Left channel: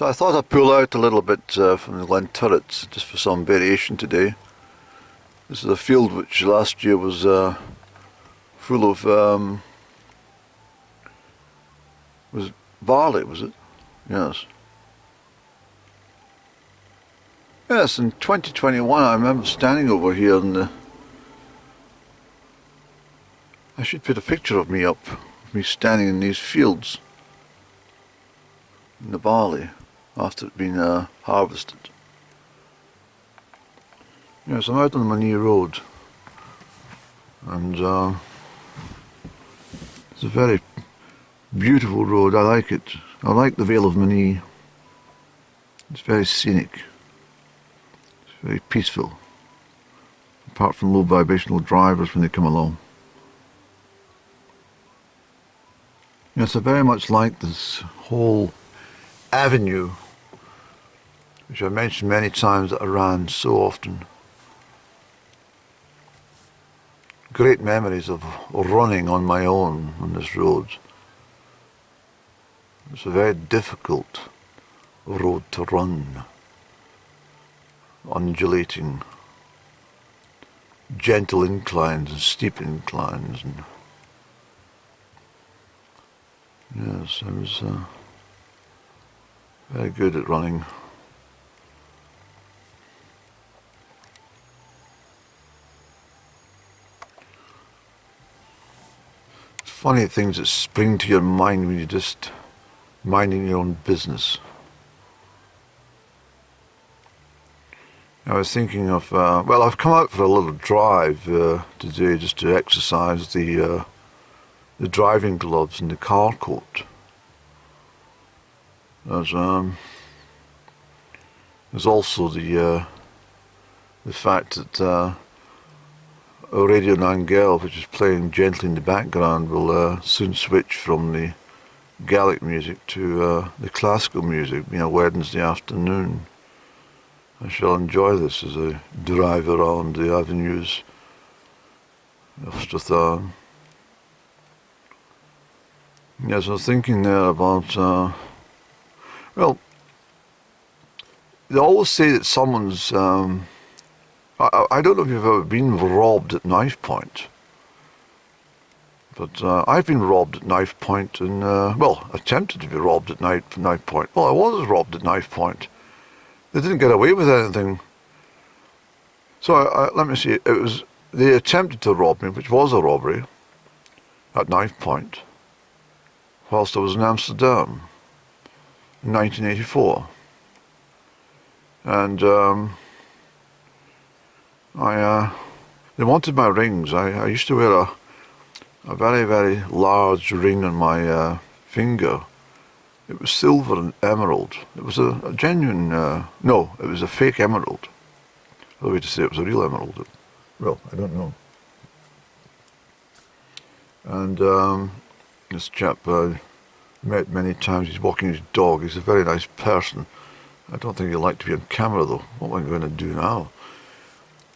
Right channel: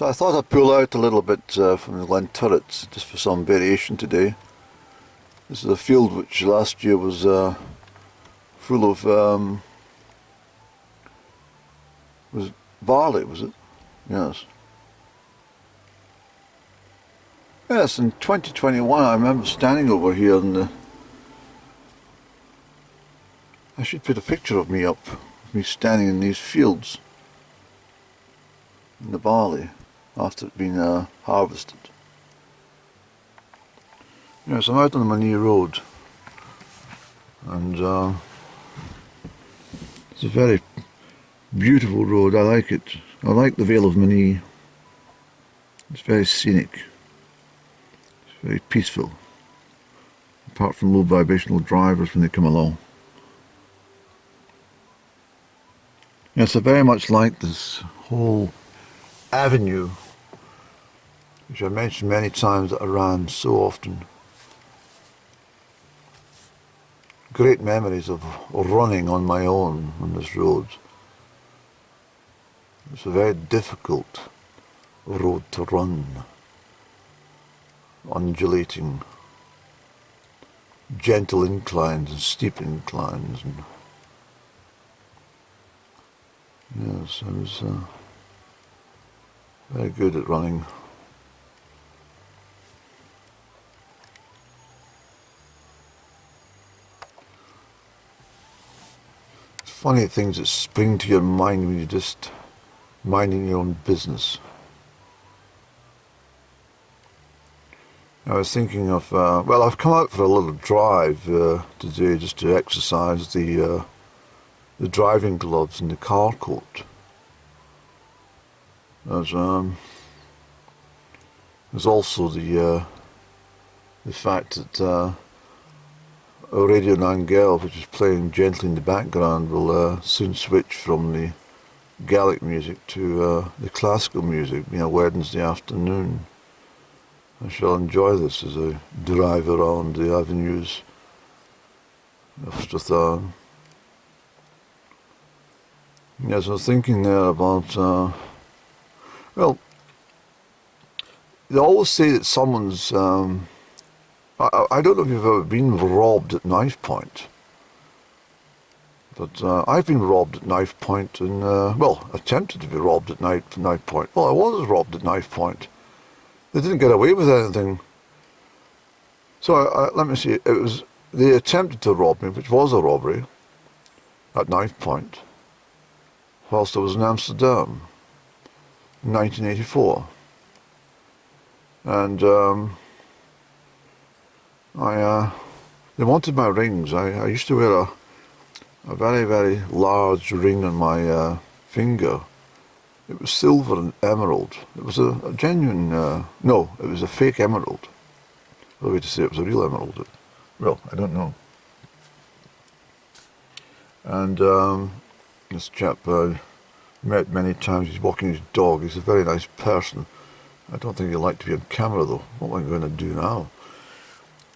So I thought I'd pull out a little bit from the Glen Turrets just for some variation today. This is a field which last year was full of was it barley, was it? Yes. Yes, in 2021 I remember standing over here and I should put a picture of me up, of me standing in these fields in the barley after it's been harvested. Yes, I'm out on the Monzie Road and it's a very beautiful road. I like it. I like the Vale of Monzie. It's very scenic. It's very peaceful, apart from low vibrational drivers when they come along. Yes, I very much like this whole avenue, which I mentioned many times that I ran so often. Great memories of running on my own on this road. It's a very difficult road to run, undulating, gentle inclines and steep inclines, and yes, I was very good at running. Funny things that spring to your mind when you're just minding your own business. I was thinking of, well, I've come out for a little drive today just to exercise the driving gloves and the car coat. There's also the fact that Radio Nangel, which is playing gently in the background, will soon switch from the Gaelic music to the classical music, being a Wednesday afternoon. I shall enjoy this as I drive around the avenues of Strathairn. Yes, I was thinking there about, well, they always say that someone's, I don't know if you've ever been robbed at knife point, but I've been robbed at knife point and, well, attempted to be robbed at knife point. Well, I was robbed at knife point. They didn't get away with anything. So let me see, they attempted to rob me, which was a robbery, at knife point, whilst I was in Amsterdam in 1984. And they wanted my rings. I used to wear a very, very large ring on my finger. It was silver and emerald. It was a genuine, no, it was a fake emerald. The way to say it was a real emerald. Well, I don't know. And this chap I met many times, he's walking his dog. He's a very nice person. I don't think he'd like to be on camera though. What am I going to do now?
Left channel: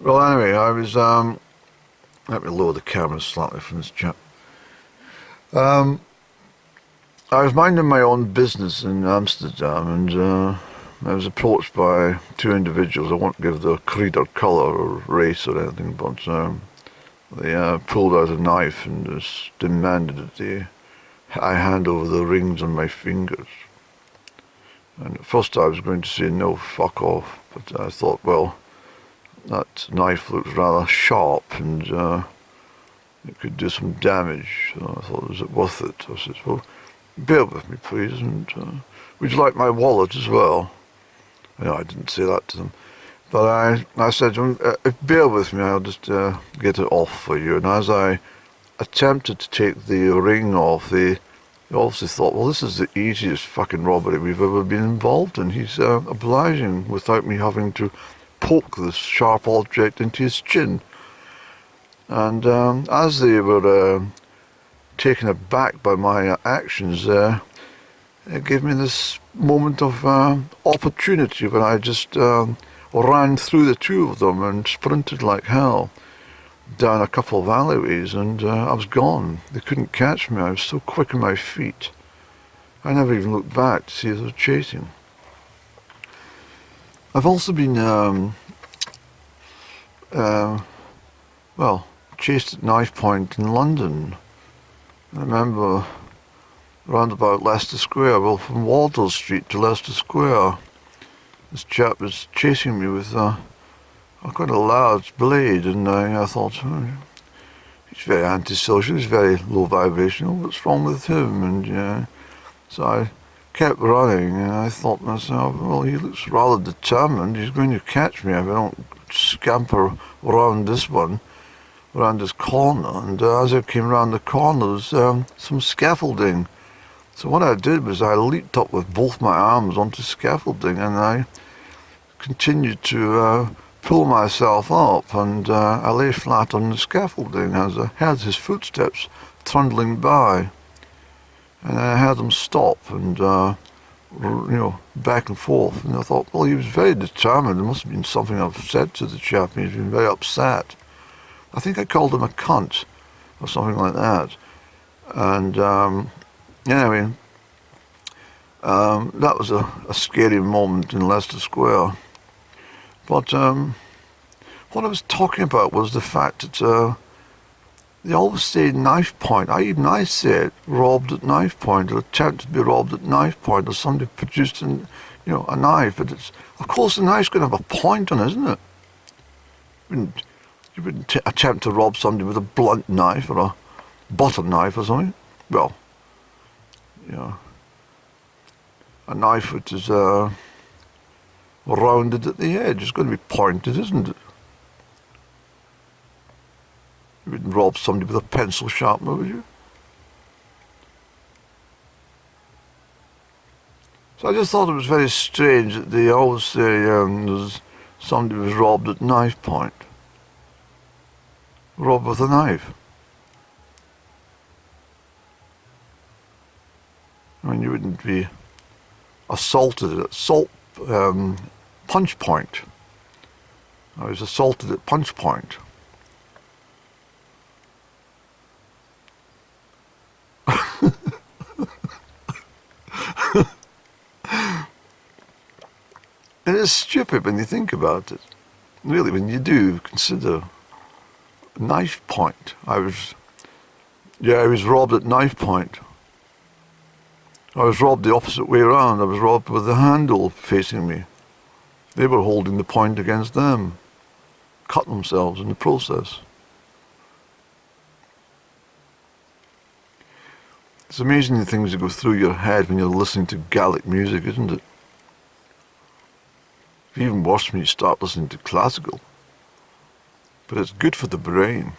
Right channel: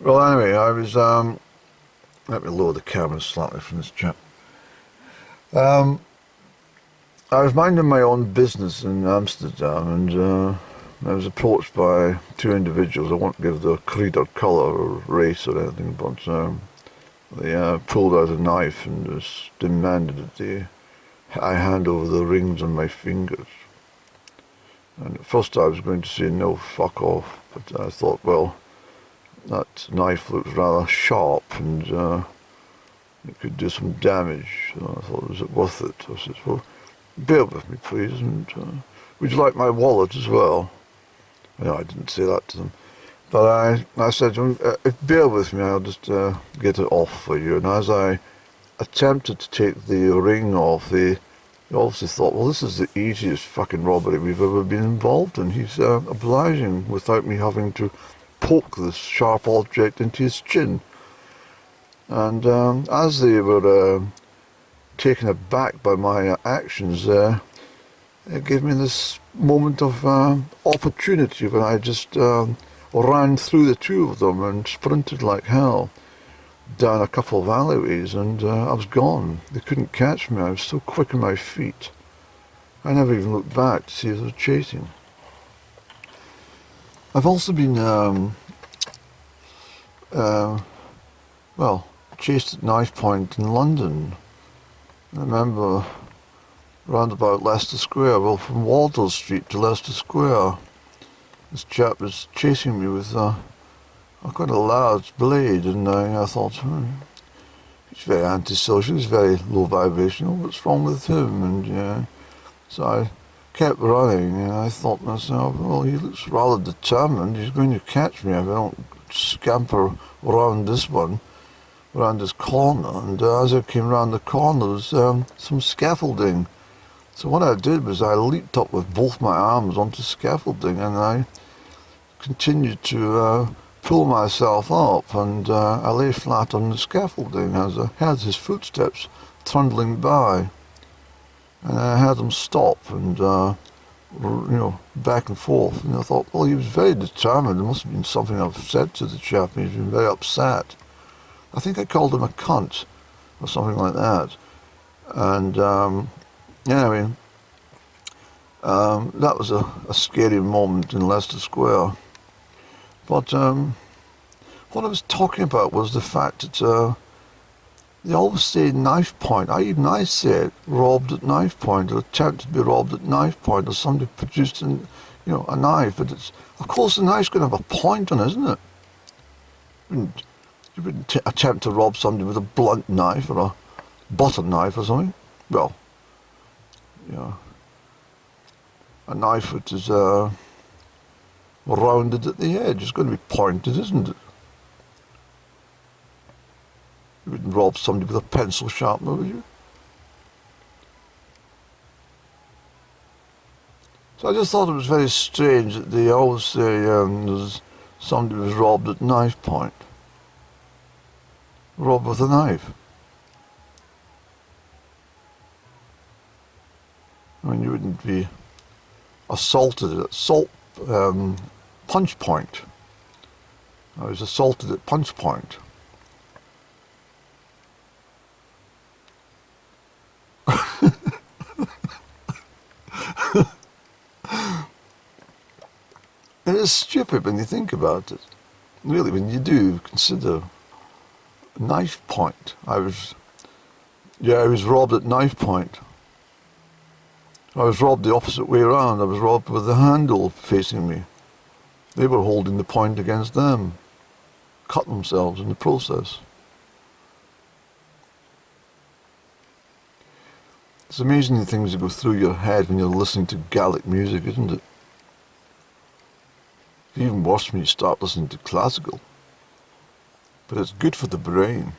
Well, anyway, I was, let me lower the camera slightly from this chap. I was minding my own business in Amsterdam and I was approached by two individuals. I won't give their creed or colour or race or anything, but they pulled out a knife and just demanded that I hand over the rings on my fingers. And at first I was going to say no, fuck off, but I thought, well, that knife looks rather sharp and it could do some damage. So I thought, is it worth it? I said, well, bear with me, please, and would you like my wallet as well? No, I didn't say that to them. But I said, bear with me, I'll just get it off for you. And as I attempted to take the ring off, they obviously thought, well, this is the easiest fucking robbery we've ever been involved in. He's obliging without me having to poke this sharp object into his chin. And as they were taken aback by my actions, it gave me this moment of opportunity when I just ran through the two of them and sprinted like hell down a couple of alleyways, and I was gone. They couldn't catch me. I was so quick on my feet. I never even looked back to see if they were chasing. I've also been, chased at knife point in London. I remember round about Leicester Square, well, from Waldo Street to Leicester Square, this chap was chasing me with quite a large blade, and I thought, he's very antisocial, he's very low vibrational, what's wrong with him? And so I kept running, and I thought to myself, well, he looks rather determined, he's going to catch me if I don't scamper around this corner. And as I came round the corner, there was some scaffolding. So what I did was I leaped up with both my arms onto scaffolding, and I continued to pull myself up, and I lay flat on the scaffolding as I heard his footsteps trundling by. And I heard him stop and, back and forth. And I thought, well, he was very determined. There must have been something I've said to the chap, and he's been very upset. I think I called him a cunt or something like that. And anyway, that was a scary moment in Leicester Square. But what I was talking about was the fact that they always say knife point. I said robbed at knife point, or attempted to be robbed at knife point, or somebody produced a knife. But of course the knife's going to have a point on it, isn't it? You wouldn't attempt to rob somebody with a blunt knife or a butter knife or something. Well, a knife which is rounded at the edge. It's going to be pointed, isn't it? You wouldn't rob somebody with a pencil sharpener, would you? So I just thought it was very strange that they always say somebody was robbed at knife point. Robbed with a knife. I mean, you wouldn't be assaulted at punch point. I was assaulted at punch point. It is stupid when you think about it. Really, when you do consider knife point. I was robbed at knife point. I was robbed the opposite way around. I was robbed with the handle facing me. They were holding the point against them. Cut themselves in the process. It's amazing the things that go through your head when you're listening to Gaelic music, isn't it? It's even worse when you start listening to classical. But it's good for the brain.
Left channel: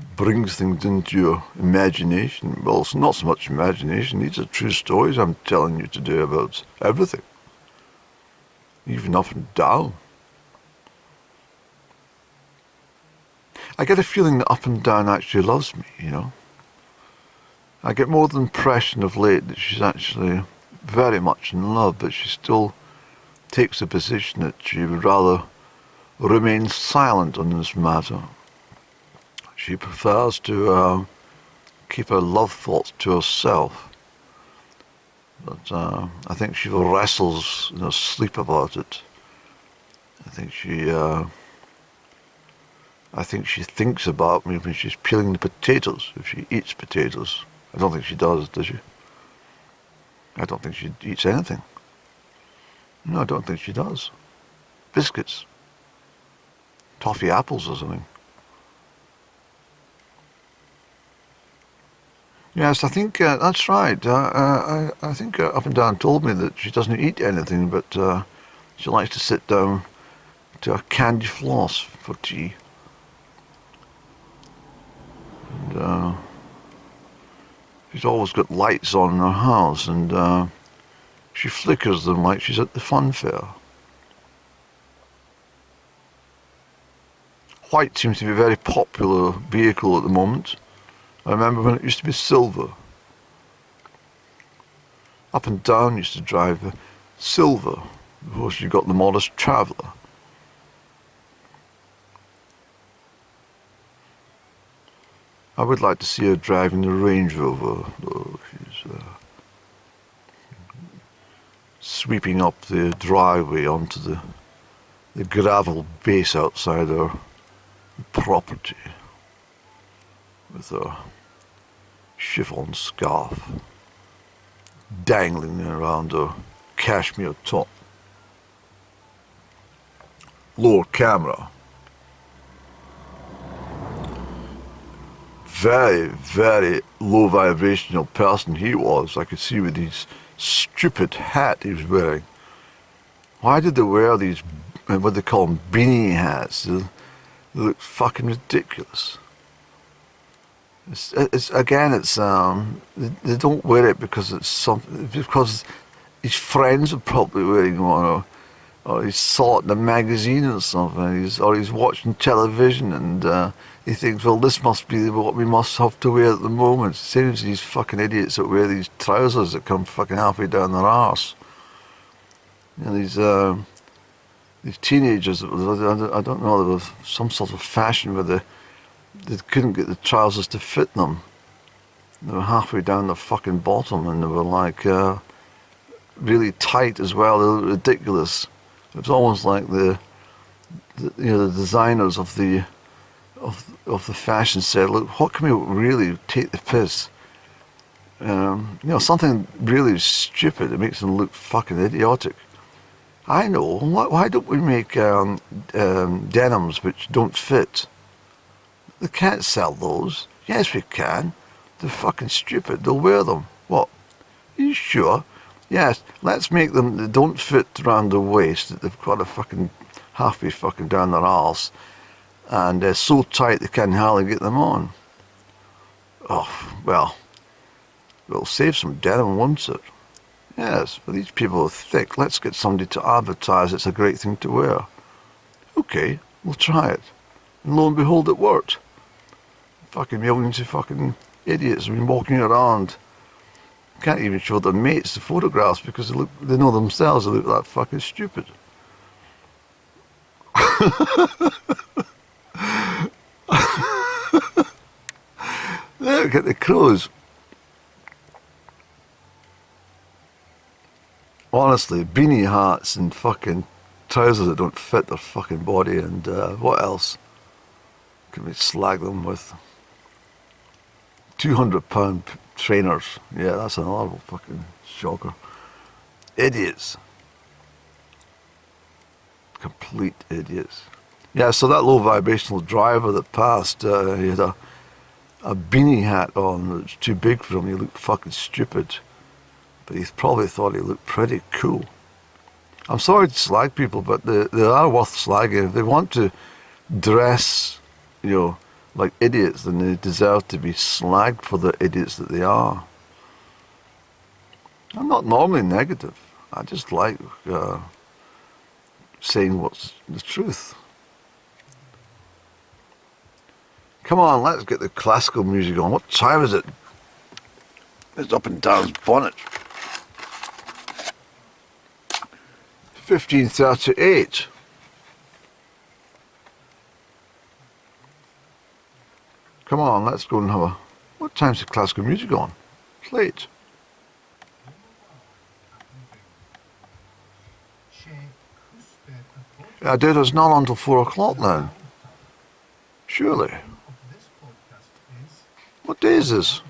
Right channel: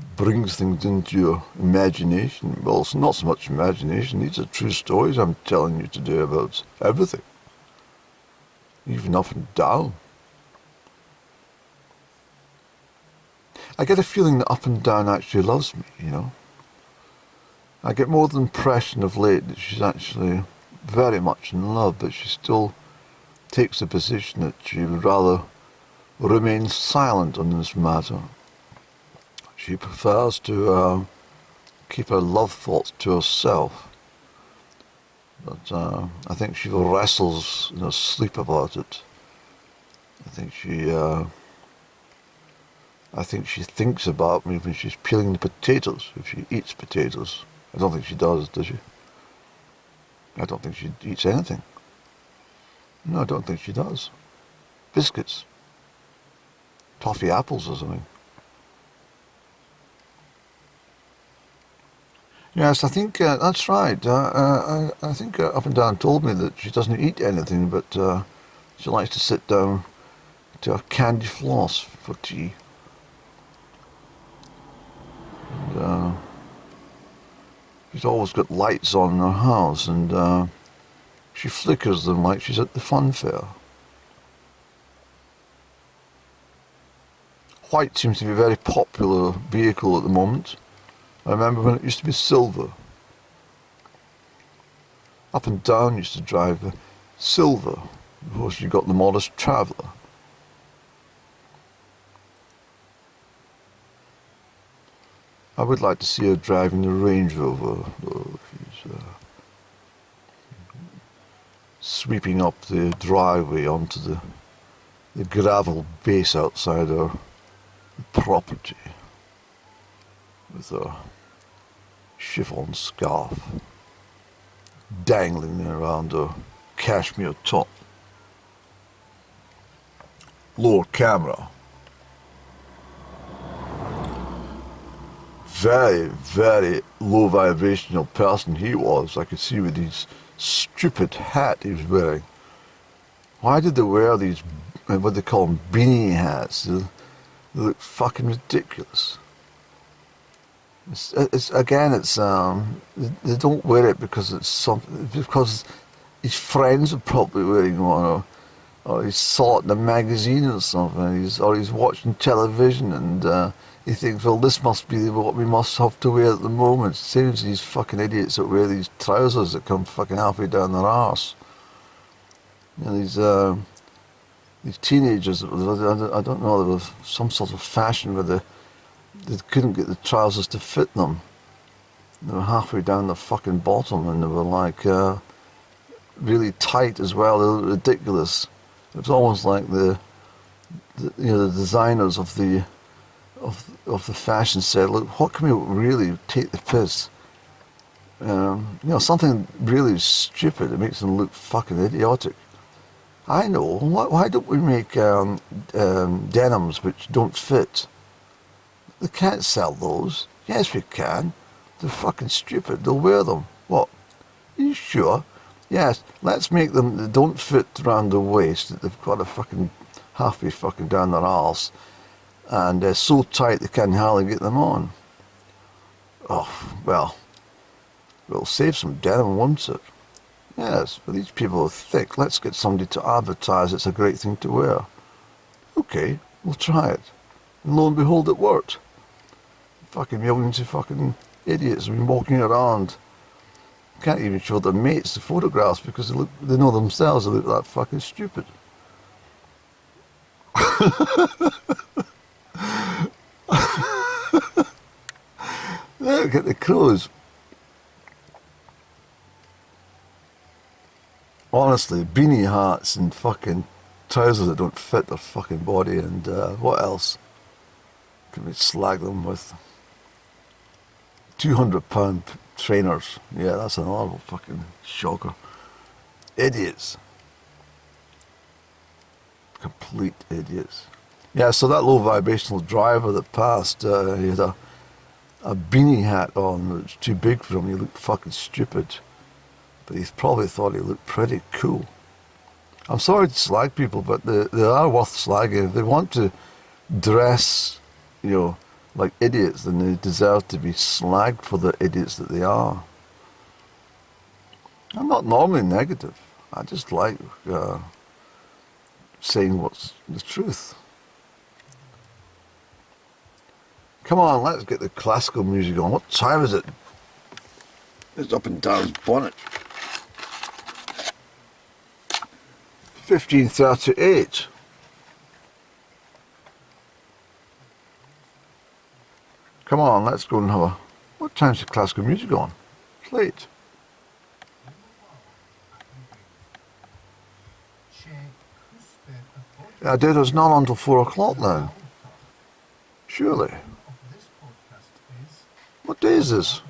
It brings things into your imagination. Well, it's not so much imagination. These are true stories I'm telling you today about everything. Even up and down. I get a feeling that Up and Down actually loves me, I get more the impression of late that she's actually very much in love, but she still takes the position that she would rather remain silent on this matter. She prefers to keep her love thoughts to herself. But I think she wrestles in her sleep about it. I think she thinks about me when she's peeling the potatoes, if she eats potatoes. I don't think she does she? I don't think she eats anything. No, I don't think she does. Biscuits. Toffee apples or something. Yes, I think that's right. I think Up and Down told me that she doesn't eat anything, but she likes to sit down to a candy floss for tea. And she's always got lights on in her house, and she flickers them like she's at the fun fair. White seems to be a very popular vehicle at the moment. I remember when it used to be silver. Up and Down used to drive silver before she got the Modest Traveller. I would like to see her driving the Range Rover, though. sweeping up the driveway onto the gravel base outside our property with a chiffon scarf dangling around her cashmere top. Lower camera. Very, very low vibrational person he was. I could see with his stupid hat he was wearing. Why did they wear these, what they call them, beanie hats? They look fucking ridiculous. It's again, they don't wear it because it's something, because his friends are probably wearing one, or he saw it in a magazine or something, or he's watching television and he thinks, well, this must be what we must have to wear at the moment. Same as these fucking idiots that wear these trousers that come fucking halfway down their arse. You know, these teenagers, I don't know, there was some sort of fashion where they couldn't get the trousers to fit them. They were halfway down the fucking bottom, and they were like really tight as well. They were ridiculous. It was almost like the designers of the fashion said, look, what can we really take the piss? Something really stupid that makes them look fucking idiotic. I know. Why don't we make denims which don't fit? They can't sell those. Yes, we can. They're fucking stupid. They'll wear them. What? Are you sure? Yes, let's make them that don't fit around the waist, that they've got a fucking halfway fucking down their arse, and they're so tight they can't hardly get them on. Oh, well, it'll save some denim, won't it? Yes, but these people are thick. Let's get somebody to advertise it's a great thing to wear. Okay, we'll try it. And lo and behold, it worked. Fucking millions of fucking idiots have been walking around. Can't even show their mates the photographs because they know themselves they look that fucking stupid. Look at the crows. Honestly, beanie hats and fucking trousers that don't fit their fucking body, and what else can we slag them with? £200 trainers. Yeah, that's another fucking shocker. Idiots. Complete idiots. Yeah, so that low vibrational driver that passed, he had a beanie hat on that was too big for him. He looked fucking stupid. But he probably thought he looked pretty cool. I'm sorry to slag people, but they are worth slagging. If they want to dress, like idiots, then they deserve to be slagged for the idiots that they are. I'm not normally negative. I just like saying what's the truth. Come on, let's get the classical music on. What time is it? It's up and down bonnet. 15:38. Come on, let's go and have a... What time's the classical music on? It's late. Yeah, dude, it's not until 4 o'clock now. Surely. What day is this?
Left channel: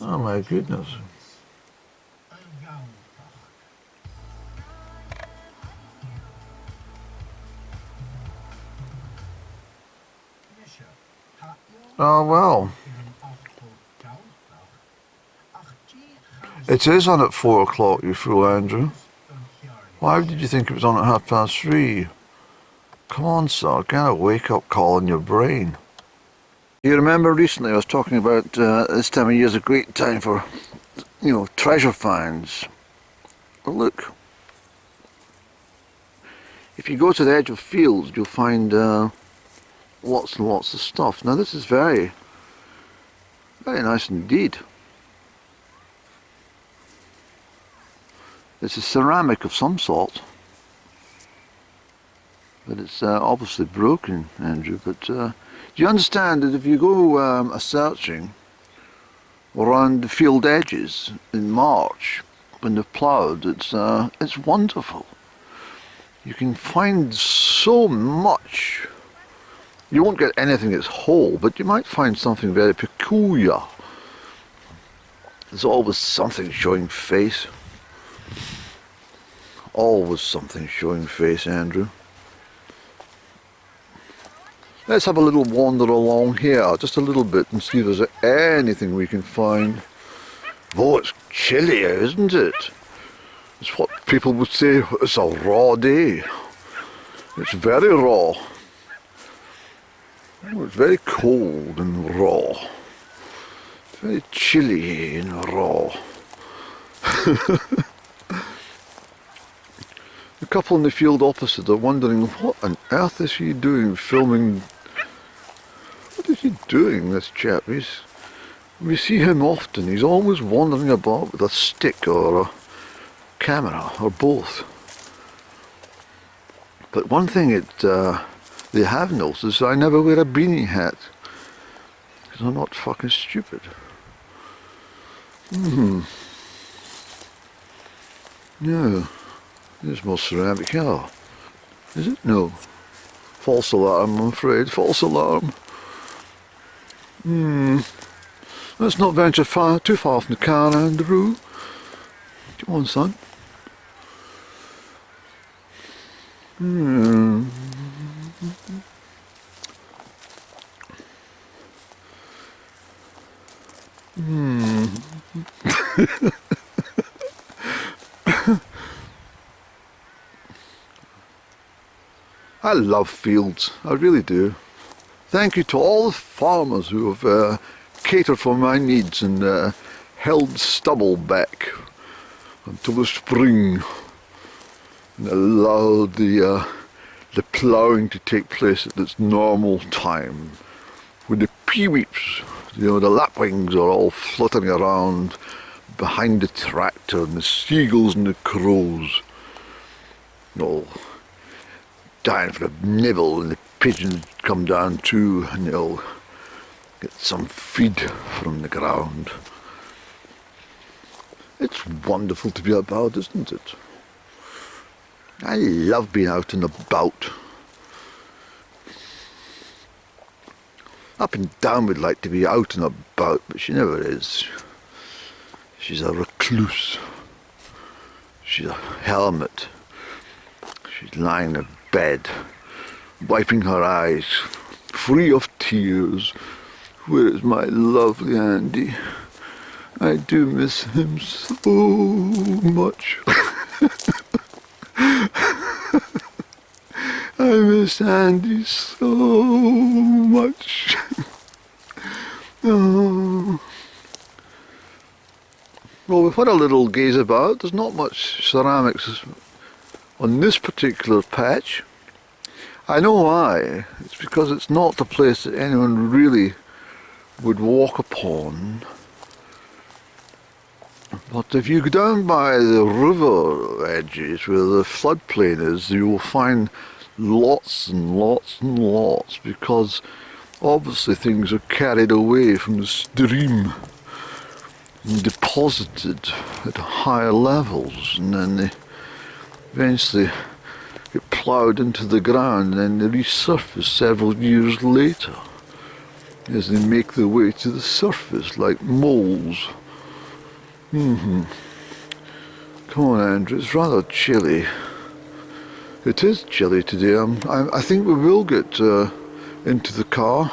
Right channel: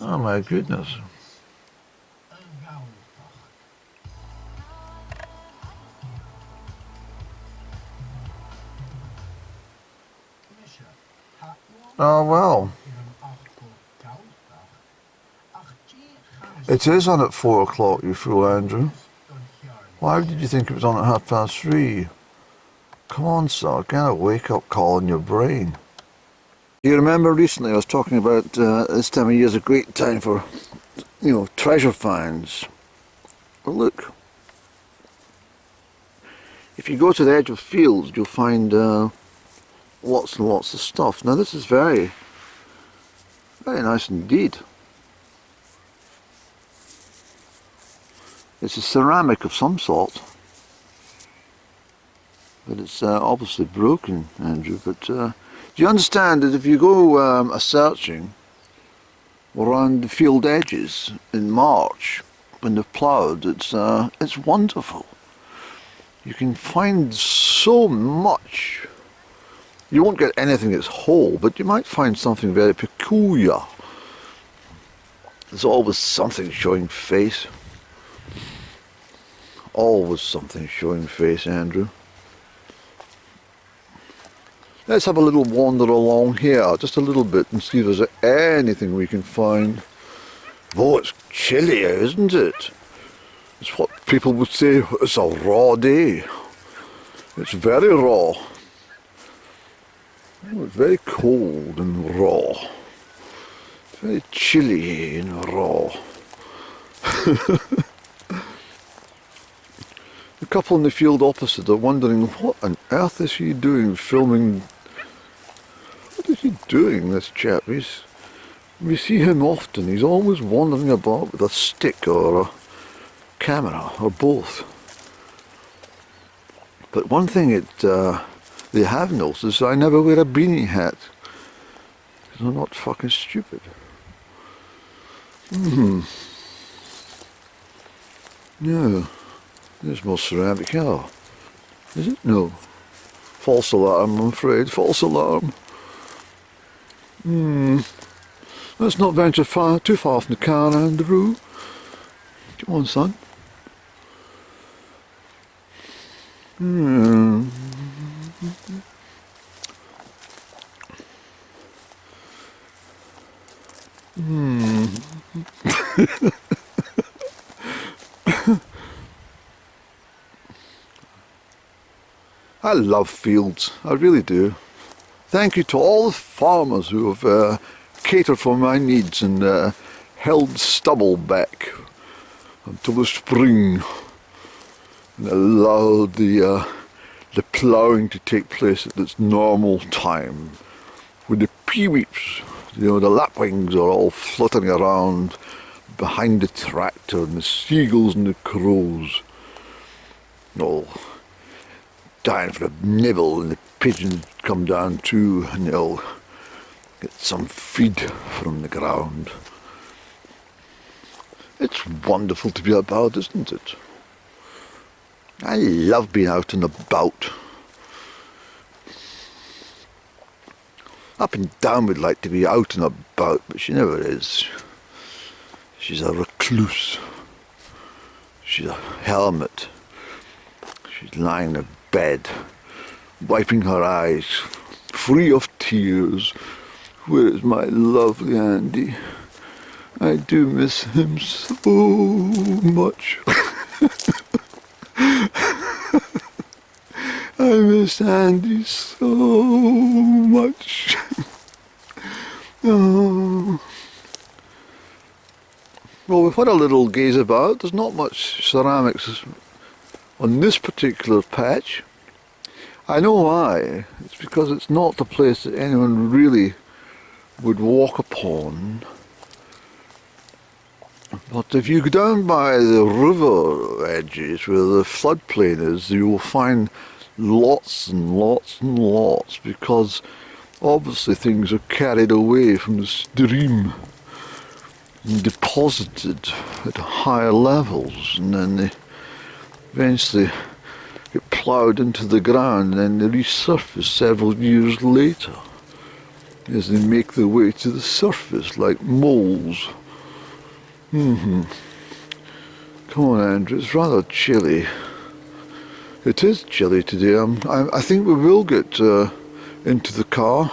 Oh my goodness. Oh well. It is on at 4 o'clock, you fool, Andrew. Why did you think it was on at 3:30? Come on, sir, get a wake-up call in your brain. You remember recently I was talking about this time of year is a great time for, treasure finds. Well, look. If you go to the edge of fields, you'll find lots and lots of stuff. Now this is very, very nice indeed. It's a ceramic of some sort, but it's obviously broken, Andrew. But do you understand that if you go a-searching around the field edges in March when they've ploughed. It's wonderful. You can find so much. You won't get anything that's whole, but you might find something very peculiar. There's always something showing face. Always something showing face, Andrew. Let's have a little wander along here, just a little bit, and see if there's anything we can find. Oh, it's chilly, isn't it? It's what people would say, it's a raw day. It's very raw. Oh, it's very cold and raw. It's very chilly and raw. The couple in the field opposite are wondering, what on earth is he doing filming? What is he doing, this chap? We see him often. He's always wandering about with a stick or a camera or both. But one thing they have noticed is I never wear a beanie hat. Because I'm not fucking stupid. Yeah. There's more ceramic here. Is it? No. False alarm, I'm afraid. False alarm. Let's not venture too far from the car, Andrew. Come on, son. I love fields, I really do. Thank you to all the farmers who have catered for my needs and held stubble back until the spring and allowed the ploughing to take place at its normal time. When the peeweeps, the lapwings are all fluttering around behind the tractor, and the seagulls and the crows all dying for a nibble, and the pigeons come down too, and they'll get some feed from the ground. It's wonderful to be about, isn't it? I love being out and about. Up and Down would like to be out and about, but she never is. She's a recluse. She's a hermit. She's lying in a bed, wiping her eyes, free of tears. Where is my lovely Andy? I do miss him so much. I miss Andy so much. Oh. Well, we've had a little gaze about. There's not much ceramics on this particular patch. I know why. It's because it's not the place that anyone really would walk upon. But if you go down by the river edges where the floodplain is, you will find lots and lots and lots, because obviously things are carried away from the stream and deposited at higher levels, and then they eventually get ploughed into the ground, and then they resurface several years later as they make their way to the surface like moles. Come on, Andrew, it's rather chilly. It is chilly today. I think we will get into the car.